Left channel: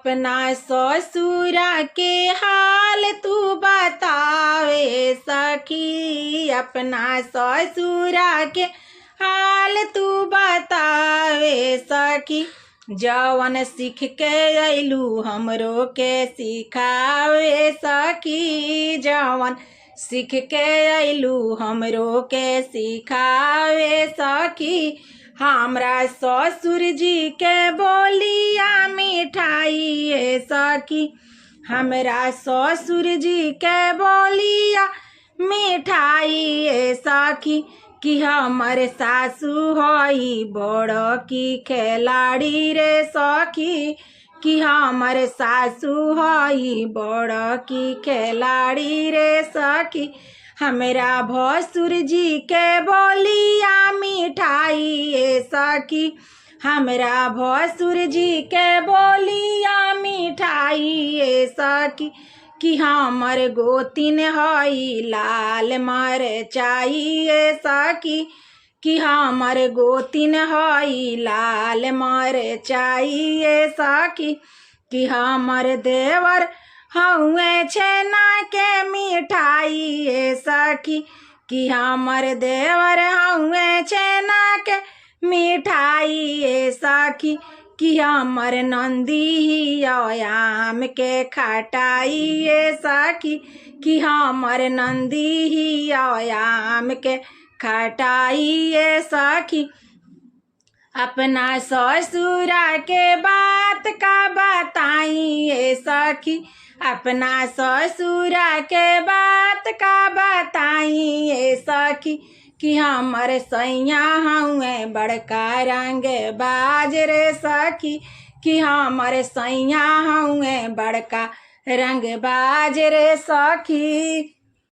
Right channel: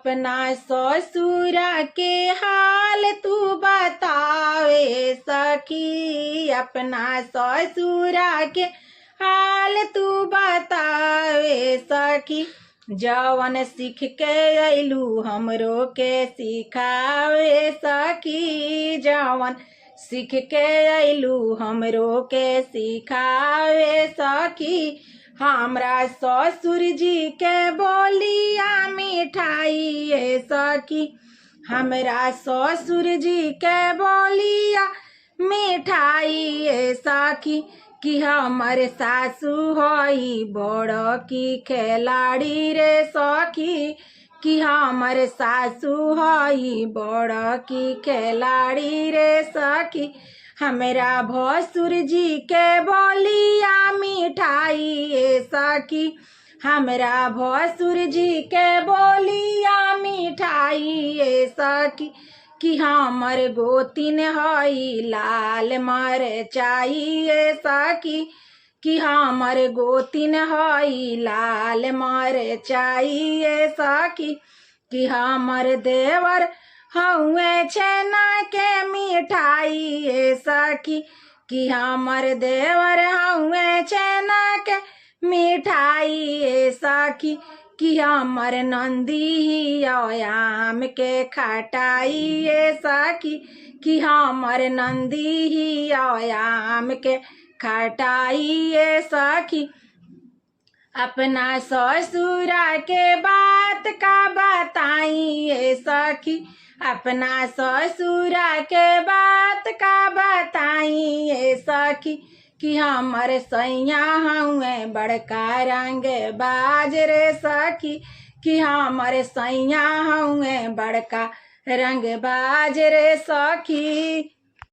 अपना ससुरा के हाल तू बतावे सखी, अपना ससुरा के हाल तू बतावे सखी। जवन सीख के अइलू हमरो के सिखावे सखी, जवन सीख के अइलू हमरो के सिखावे सखी। हमरा ससुर जी के बोलिया मिठाई सखी, हमरा ससुर जी के बोलिया मिठाई सखी। कि हमर सासु हई बड़ की खिलाड़ी रे सखी, कि हमर सासु हई बड़ की खिलाड़ी रे सखी। हमरा भसुर जी के बोलिया मिठाई सखी, हमरा भसुर जी के बोलिया मिठाई सखी। कि हमर गोतिन हई लाल मरचाई सखी, कि हमर गोतिन हई लाल मरचाई सखी। कि हमर देवर हउए छेना के मिठाई सखी, कि हमर देवर हउए छेना के मिठाई सखी। कि हमर नंदी आम के खटाई सखी, कि हमर नंदी आम के खटाई सखी। अपना ससुरा के बात का बताई सखी, अपना ससुरा के बात का बताई सखी। कि हमर सैया हउए बड़का रंग बाज रे सखी, कि हमर सैया हउए बड़का रंग बाज रे सखी।